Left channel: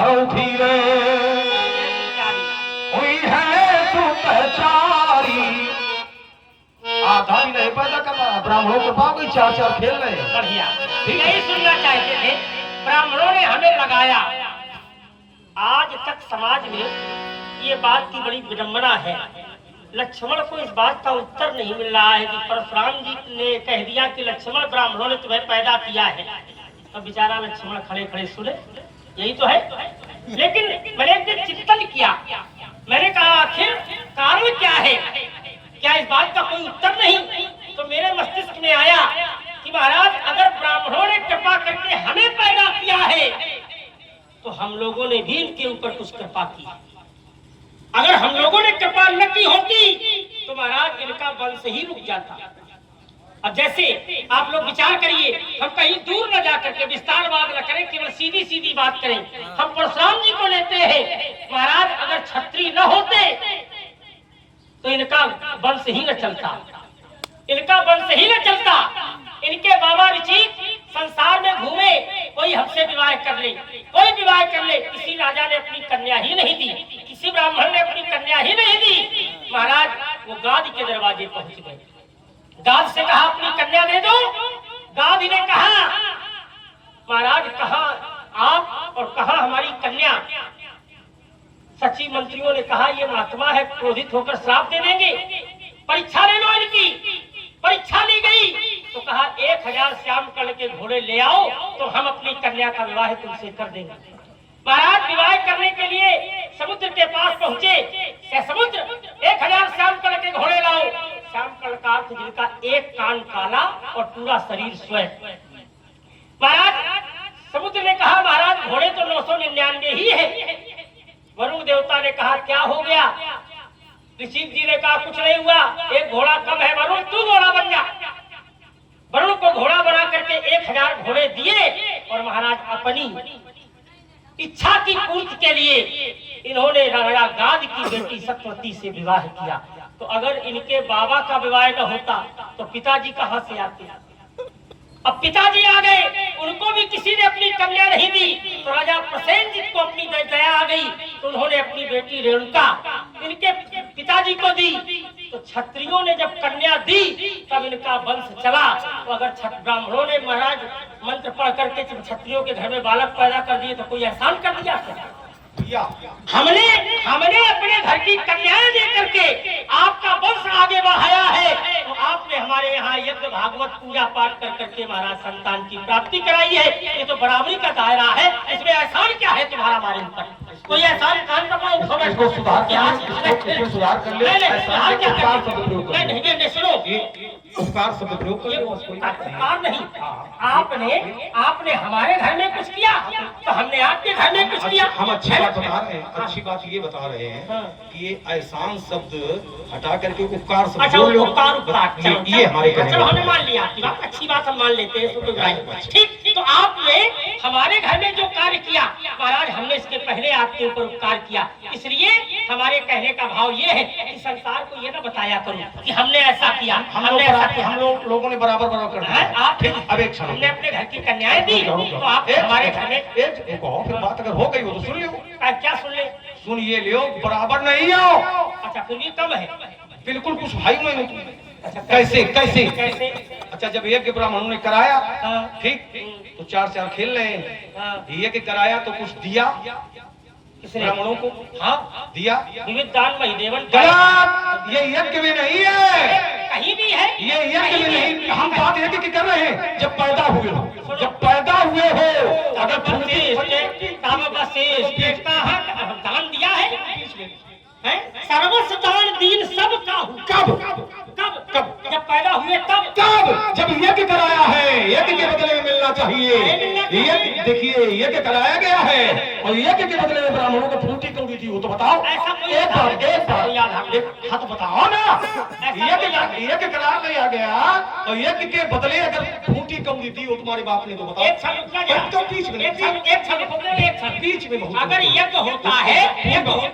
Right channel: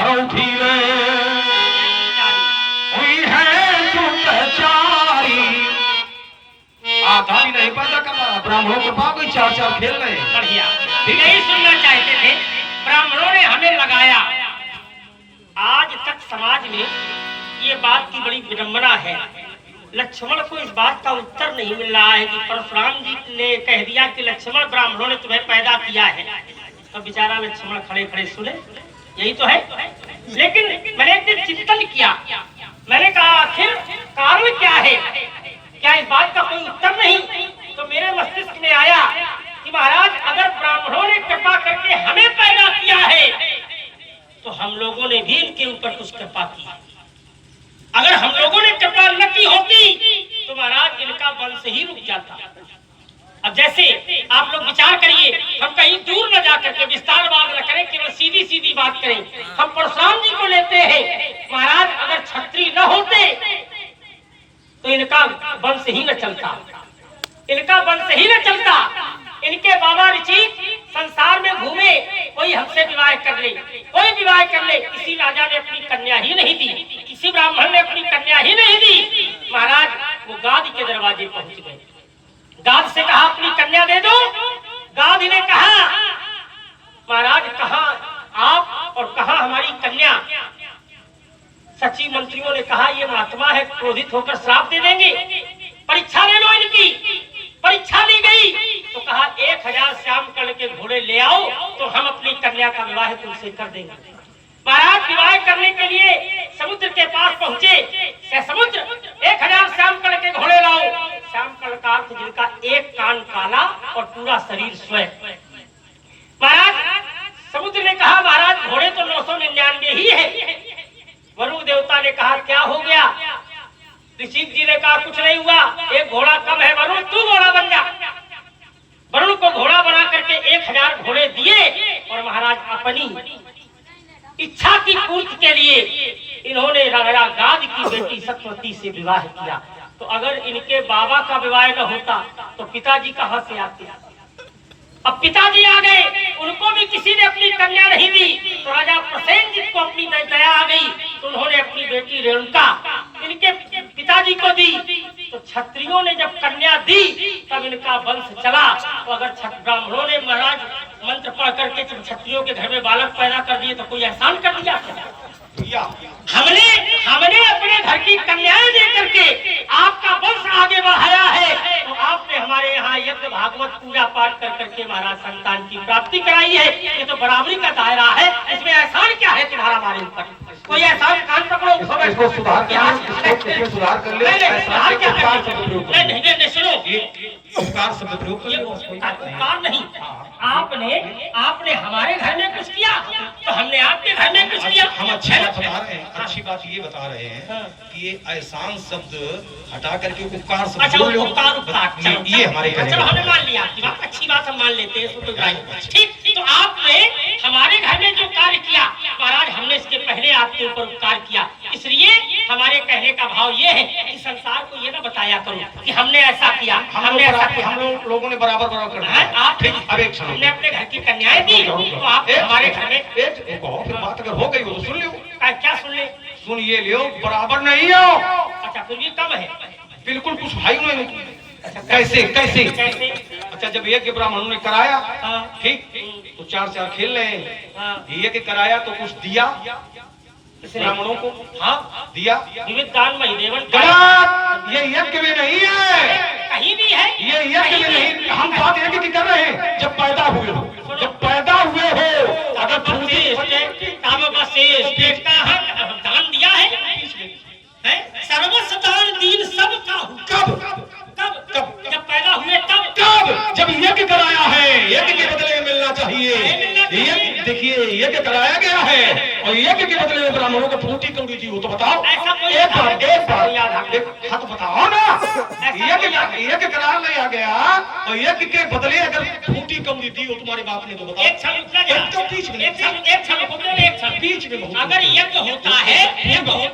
घर उठी रे हुई है सुतचारी। आधा भी नहीं पैदा करना, ब्राह्मणों के पास कोई चार चार खेल रहे हैं। बढ़िया, यही सुनना चाहते थे। ब्राह्मणों ने हमें लगाया। आज तक समाज में ये बात की बड़ी विडंबना है। लक्ष्मण को इस बात का उत्तर नहीं मिल रहा है कि परशुराम जी ने कह दिया कि लक्ष्मण ब्राह्मणों ने तुम्हें पैदा किया है। तो बेचारा लक्ष्मण खड़े खड़े सुने, यही तो है। लेकिन मैंने एक दिन चिंतन किया, मैंने कहा आखिर कारण क्या है, क्या इस बात का कोई उत्तर नहीं। तो मेरे मस्तिष्क में आया कि महाराज अगर ब्राह्मणों ने कृपा करके हमें पैदा किया है तो हम लोगों ने भी इनके ऊपर कुछ कृपा की। अगर हम लोगों ने कृपा न की होती तो महाराज इनका वंश ही रुक जाता। अब जैसे आप लोग विचार करिए, हम कहीं दूर न जाकर के विस्तारवाद न करें, केवल सीधी सीधी बात करें। हम परशुराम जी को लेते हैं। महाराज अगर क्षत्रिय न होते तो इनका वंश ही न चलता, इनका वंश ही न चलता। इनके बाबा ऋषि संसार में घूमे, कोई हमसे विवाह कर ले, कोई विवाह कर ले, किसी राजा ने अपनी कन्या ही नहीं दी, किसी ब्राह्मण ने अपनी कन्या ही नहीं दी। महाराज वो गाद के दरवाजे पहुंच गए, गाद से कहा अपनी कन्या दे दो। गाद ने कहा महाराज कहाँ आप और कहाँ हमारी कन्या। सचिव मंत्रियों ने कहा ये महात्मा है, क्रोधित होकर श्राप दे देंगे, परीक्षा ले लो इनकी। परीक्षा ली गई तो कहा 1000 श्याम कर्ण के घोड़े ले आओ तो हम अपनी कन्या का विवाह तुमसे कर देंगे। महाराज विवाह करने के लिए समुद्र के पास पहुंचे। समुद्र 1000 श्याम कर्ण के घोड़े लाओ। श्याम कर्ण का अर्थ जिनका एक कान काला और पूरा शरीर श्वेत। महाराज समुद्र ने कहा महाराज घोड़े तो 999 ही है। वरुण देवता ने कहा क्या हो गया। ऋषि जी ने कहा कुछ नहीं हुआ, एक घोड़ा कम है, वरुण तू घोड़ा बन जा। वरुण को घोड़ा बना करके 1000 घोड़े दिए और महाराज अपनी इच्छा की पूर्ति के लिए इन्होंने राजा गाद की बेटी सत्यवती से विवाह किया। तो अगर इनके बाबा का विवाह न होता तो पिताजी कहां से आते। अब पिताजी आ गए, उनको भी किसी ने अपनी कन्या नहीं दी। तो राजा प्रसेनजीत को अपनी दया आ गई तो उन्होंने अपनी बेटी रेणुका इनके पिताजी को दी। तो क्षत्रियों ने जब कन्या दी तब इनका वंश चला। तो अगर ब्राह्मणों ने महाराज मंत्र पढ़ करके क्षत्रियों के घर में बालक पैदा कर दिए तो कोई एहसान कर दिया। हमने अपने घर की कन्याएं दे करके आपका वंश आगे बढ़ाया है। तो आपने हमारे यहाँ यज्ञ भागवत पूजा पाठ कर करके महाराज संतान की प्राप्ति कराई है। ये तो बराबरी का दायरा है, इसमें एहसान क्या है तुम्हारा हमारे ऊपर। कोई एहसान कान पकड़ो, इसको सुधार कर ले, सुधार कर ले। नहीं सुनो, उपकार शब्द प्रयोग कर, उपकार नहीं। आपने हमारे घर में कुछ किया तो हमने आपके घर में कुछ किया। हम अच्छी बात बता रहे हैं, अच्छी बात ये बता रहे हैं कि ये एहसान शब्द हटा करके उपकार शब्द। अच्छा उपकार ये हमारे चलो हमने मान लिया आपकी बात, अच्छी बात हम मान लेते हैं। ठीक, तो आपने हमारे घर में जो कार्य किया महाराज हमने इसके पहले आपके ऊपर उपकार किया। इसलिए हमारे कहने का भाव ये है कि संसार को ये ना बताया करो कि हमने ऐसा किया, हम लोगों ने बराबर कर दिया। आप हमने अपने घर की कन्याएं दी तो आप हमारे घर में एक बात अगर हो गई हो तो सुन लो। क्या सुन ले? सुन ये लियो, बराबर नहीं हो। अच्छा फिर भी कम है, बिल्कुल कुछ भाई नहीं। कैसे कैसे अच्छा जब यज्ञ ब्राह्मणों ने कराया ठीक तो 4 खेल रहे हैं। यज्ञ कराया तो कुछ दिया ब्राह्मणों को। हाँ दिया। दान में देवन ये यज्ञ में नहीं है, कहीं भी है ये यज्ञ में नहीं। हम बात यज्ञ की कर रहे हैं जब पैदा हुए हो, जब पैदा हुए हो अगर दान दिया है सर्वस्व दान दीन सब का। कब कब कब जब पैदा हुए तब, कब जब यज्ञ कराया है। यज्ञ के बदले में मिलना चाहिए। देखिए यज्ञ कराया गया है और यज्ञ के बदले में ब्राह्मणों को फूटी कौड़ी दी हो तो बताओ। एक बार बताओ ना, यज्ञ करा लिया गया और यज्ञ के बदले अगर फूटी कौड़ी दी हो तुम्हारे बाप ने तो बताओ। बीच में अगर यज्ञ होता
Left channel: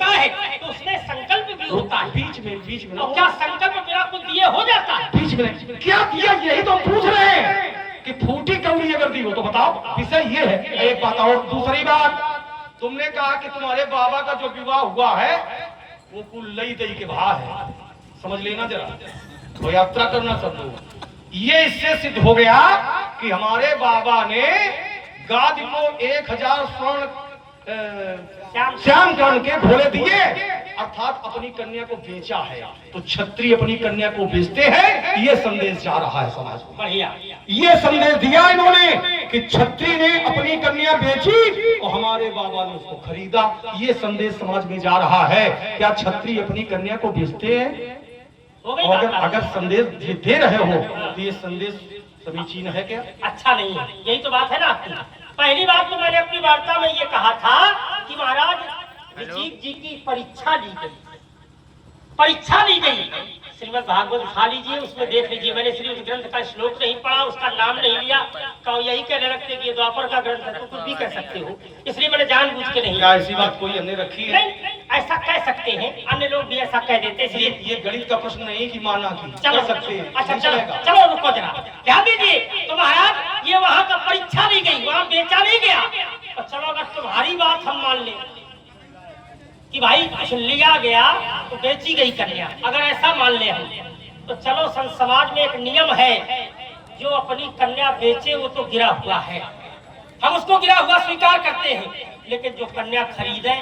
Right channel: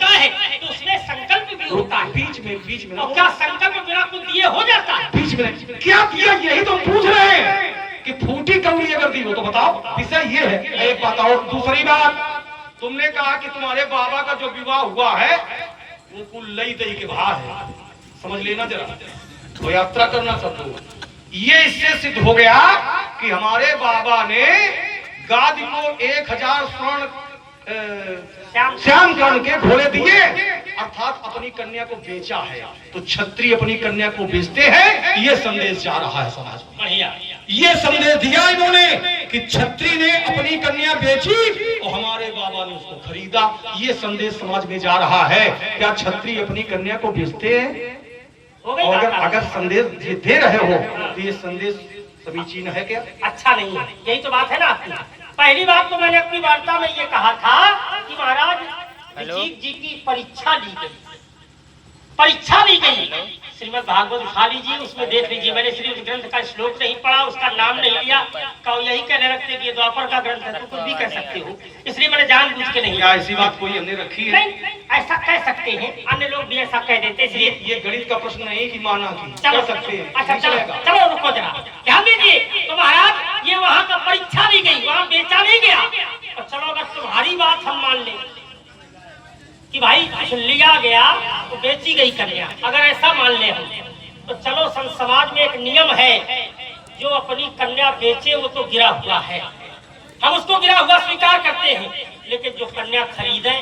है तो उसमें संकल्प भी होता है। बीच में तो क्या संकल्प बिना कुछ दिए हो जाता है? बीच में क्या किया यही तो पूछ रहे हैं कि फूटी कौड़ी अगर दी हो तो बताओ। विषय ये है। एक बात और दूसरी बात तुमने कहा कि तुम्हारे बाबा का जो विवाह हुआ है वो कुल लई दई के बाहर है, समझ लेना जरा। तो यात्रा करना सब लोग। ये इससे सिद्ध हो गया कि हमारे बाबा ने गादी को 1000 स्वर्ण श्याम कर्ण के घोड़े दिए, अर्थात अपनी कन्या को बेचा है। तो क्षत्रिय अपनी कन्या को बेचते हैं, ये संदेश जा रहा है समाज में। बढ़िया, ये संदेश दिया इन्होंने कि क्षत्रिय ने अपनी कन्या बेची और हमारे बाबा ने उसको खरीदा। ये संदेश समाज में जा रहा है। क्या क्षत्रिय अपनी कन्या को बेचते हैं? और अगर संदेश दे रहे हो तो ये संदेश समीचीन है क्या? अच्छा नहीं है, यही तो बात है ना आपकी। पहली बात तो मैंने अपनी वार्ता में ये कहा था कि महाराज ऋषिक जी की परीक्षा ली गई, परीक्षा ली गई। श्रीमद् भागवत उठा लीजिए, उसमें देख लीजिए। मैंने श्री उस ग्रंथ का श्लोक नहीं पढ़ा, उसका नाम नहीं लिया, कहो यही कहने रखते कि ये द्वापर का ग्रंथ है, तो कुछ भी कह सकते हो, इसलिए मैंने जानबूझ के नहीं। क्या ऐसी बात कोई हमने रखी है? नहीं, ऐसा कह सकते हैं, अन्य लोग भी ऐसा कह देते हैं। ये गणित का प्रश्न नहीं कि माना की चलो कर सकते हैं। अच्छा चलो चलो रुको जरा, ध्यान दीजिए। तो महाराज ये वहाँ का परीक्षा ली गई, वहाँ बेचा नहीं गया। तो चलो अगर तुम्हारी बात हम मान लें कि भाई लिया गया तो बेची गई कन्या, अगर ऐसा मान ले हम, तो चलो समाज में एक नियम है, जो अपनी कन्या बेचे वो तो गिरा हुआ है, हम उसको गिरा हुआ स्वीकार करते हैं। लेकिन जो कन्या खरीदे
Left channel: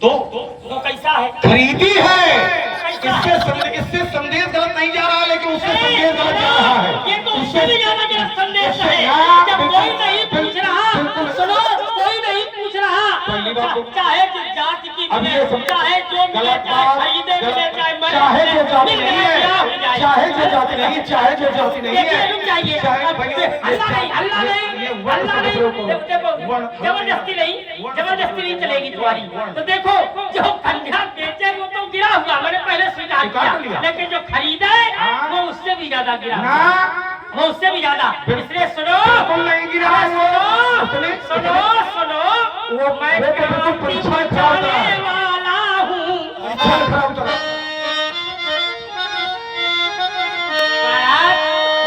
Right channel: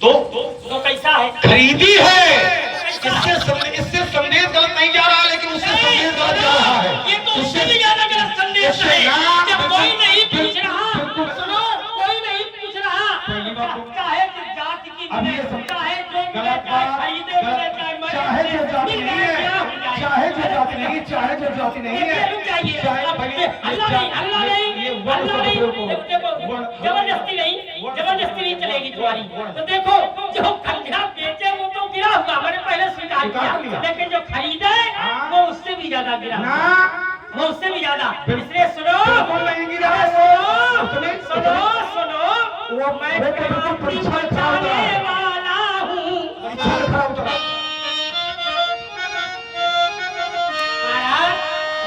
तो कैसा है? खरीदी है। इससे संदेश गलत नहीं जा रहा, लेकिन उससे संदेश गलत जा रहा है। ये तो उससे भी ज्यादा गलत संदेश है। जब कोई नहीं पूछ रहा, सुनो, कोई नहीं पूछ रहा, पहली बात तो चाहे जो जाति की मिले, चाहे जो मिले, गलत चाहे बात, खरीदे मिले, चाहे जो जाति नहीं है, चाहे जो जाति नहीं, चाहे जो जाति नहीं है, जबरदस्ती नहीं चलेगी तुम्हारी। तो देखो, जो कन्या बेचे वो तो गिरा हुआ, मैंने पहले स्वीकार किया, लेकिन जो खरीदे वो उससे भी ज्यादा गिरा, वो उससे भी ज्यादा। इसलिए सुनो, सुनो, मैं परीक्षा खराब वाला हूँ।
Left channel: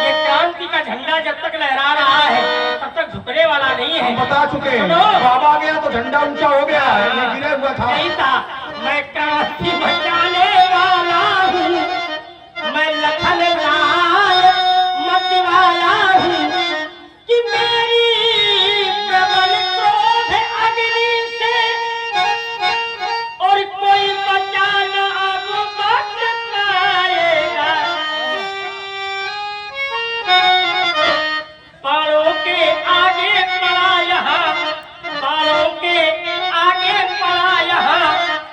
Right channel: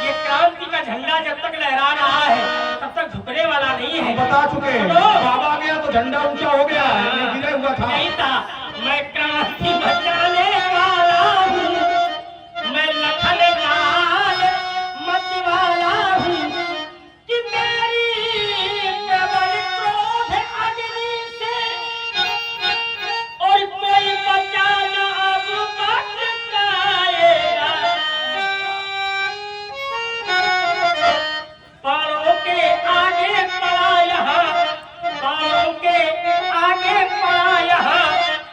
ये क्रांति का झंडा जब तक लहरा रहा है तब तक झुकने वाला नहीं है। बता चुके हैं, बाबा गया तो झंडा ऊंचा हो गया है, गिरा हुआ था। नहीं था,